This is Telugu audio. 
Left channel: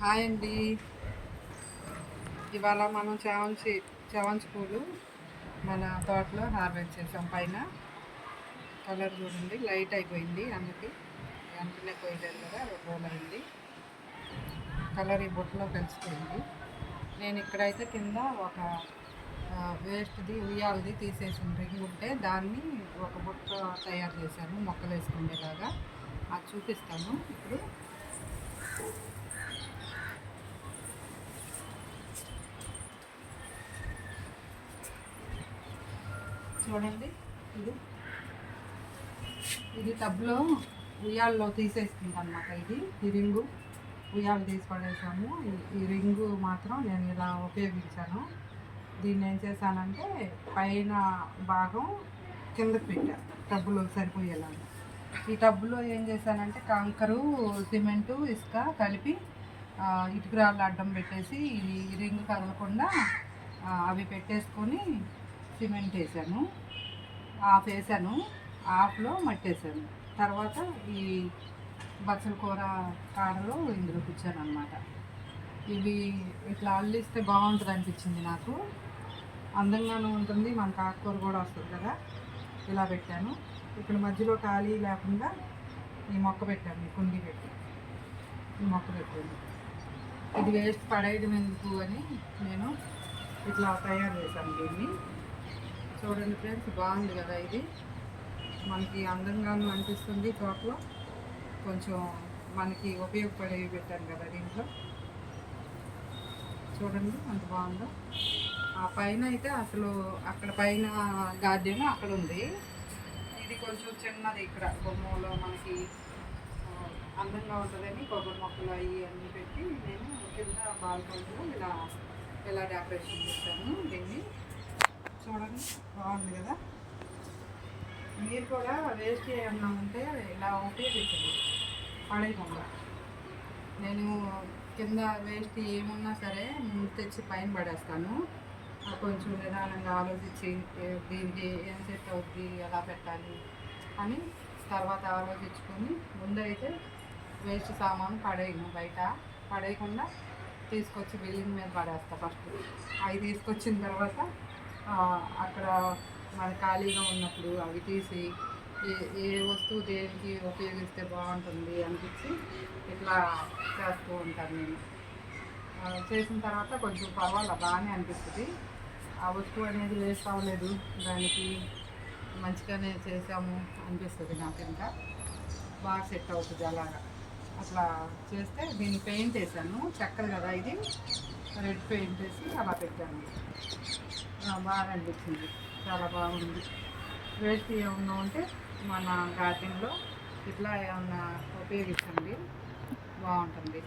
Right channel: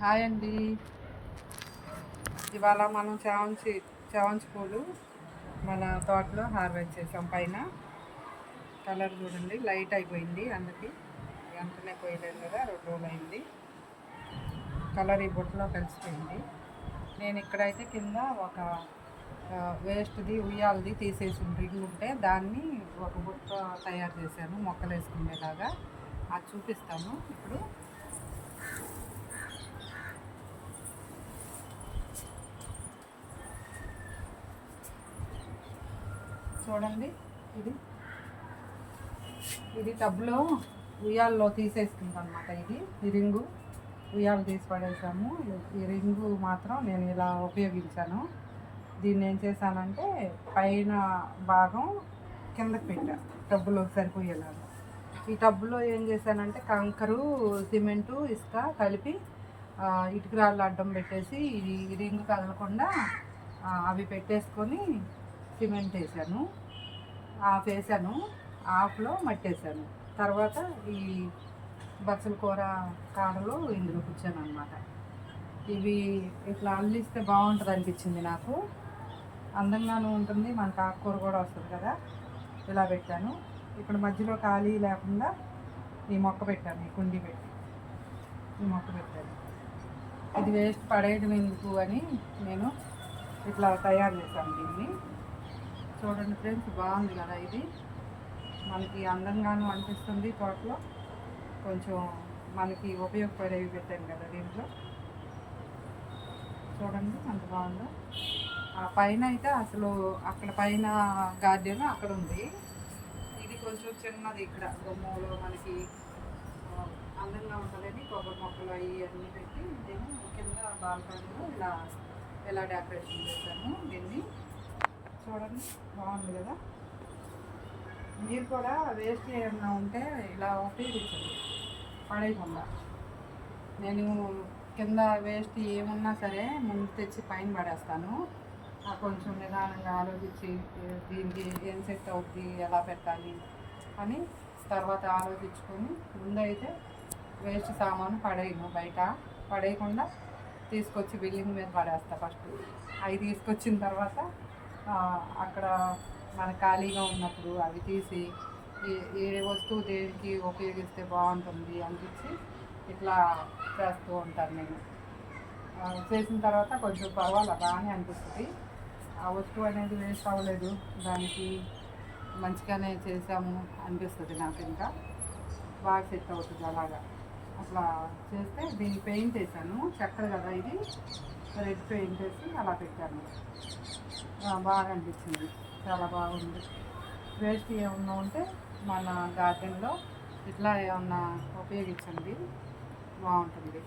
హాయ్ అండి. ఇవాళ మనం చావంచి చావంచి పూలు మన తోటలో హార్వెస్ట్ చేసాం. పైన కలర్ చూడండి లైట్ అయిపోయింది అందుకే. వెంటనే పోయలేదు కదా రెండు రోజులు అయింది కలర్ ఈ బుట్టలో కలిసిపోయింది. నేను ఇక్కడైతే కింద ఒక వేస్ట్ది ఉయ్యాలది తీసేసి రింగ్ ఉంటే దాన్ని ఒక బుట్ట తయారు చేశాను మొక్కలు వేసుకునేలాగా. అది చూపిస్తాను ఇప్పుడు. చూడండి. ఇది. ఇది టబ్లో ఉయ్యాల్లో తీసేస్తుంది అనమాట ఇది. ఈ రింగు ఉయ్యాలు తీసి పడేసాము. ఈ- రింగు మాత్రం నేను ఇలా ఉపయోగించాను. దీన్ని ఏం చేశానంటే పైన భాగం కిందకి పెట్టా టబ్బులో సరిపోయేలాగా. ఈ టబ్బులో ఏం చేశానంటే కంకరు సిమెంటు ఇసుక కలిపి ఇటుకురాళ్ళు అడ్డం పెట్టేసి ఈ రింగు కదలకుండా అవి పెట్టేసుకొని సిమెంట్ వేసాను ఆఫ్ వేసాను ఆఫ్లో మట్టేసాను. తర్వాత ఈ బచ్చల కూర కాడలో ఇందులో కూర్చాను అనమాట ఇవి ఇట్లా అల్లిస్తే బాగుంటుంది అనిపించింది నాకు. అందంగానూ ఉంటుంది మనకు ఆకుకూర కూడా వస్తుంది కదా. ఇలా పెట్టాను. ఇక్కడ మధ్యలో ఖాళీ లేకుండా ఈ మొక్క పెట్టాను ఈ కుండీ పెట్టి. ఈ మొక్క పెట్టాను. ఇది వేస్ట్ పడేయడం ఎందుకు అని నేను ఇట్లా తయారు చేశాను దీన్ని. చూడండి ఫ్రెండ్స్ బాగుంది కదా ఇది. మనకి అందంగానూ అనిపిస్తుంది తోటలో. కొంచెం మనకి ఉపయోగపడేవి పెట్టాను కదా దీంట్లో. చూడండి అంత బాగుందో. ఆ పైన అయితే అసలు అక్కడ పైన గార్డెన్ అక్కడ ఉంది. ఇది కొంచెం చిన్నది ఇక్కడ బొమ్మలో మనకి అందంగా ఉంటుందని కొబ్బరి మొక్కలు అవి అన్నీ పెట్టి నేను కింద బాల్కనీలో ఇలా ఇలా డెకరేషన్ చేశాను దీన్ని. చూడండి బాగుంది కదా? మీరు కూడా వేస్ట్ ఏమన్నా ఉంటే ఇలా ఉపయోగించండి. పడేయకుండా. నేను కింద వేస్ట్ ఏమున్నా సరే ముందు తెచ్చి పైన పడేస్తాను. కొంచెం నిదానంగా ఆలోచించి దీనికి ఏం సెట్ అవుద్ది ఎలా పెట్టాలి అని తర్వాత ఆలోచించుకొని ముందైతే వేస్ట్ సామాను పడేయను బయట. పడేయకుండా తీసుకొచ్చి బిల్డింగ్ మీద పడేస్తా ఫస్ట్. అవి తీసుకొచ్చిన తర్వాత అక్కడ మన ఖాళీగా ఉన్నప్పుడు అవి తీసి ఏ- ఏ వస్తువు దేనికి ఉపయోగిస్తే బాగుంటుంది అనిపించి ఇట్లా చేస్తూ ఉంటాను నేను. చేసిన తర్వాత కొంచెం పర్వాలేదు బాగానే అనిపిస్తుంది. ఆ వస్తువు అనేది వేస్ట్ అవ్వలేదు. దానికి మంచిగానే చేసాము అనిపిస్తుంది నాకు ఇంకా. బాగా సెట్ అవుతుంది అలాగా. అట్లా చేస్తే దీన్ని పెయింట్ వేసాను చక్కర కదా ఇది. రెడ్ పెయింట్ వేసి అలా పెట్టాను. బాగా అనిపించింది. చాలా బాగుంది. వేస్ట్ ఏమన్నా ఉంటే మన గార్డెన్లో ఇట్లా ఏమన్నా ఉపయోగించండి. బాగుంటుంది.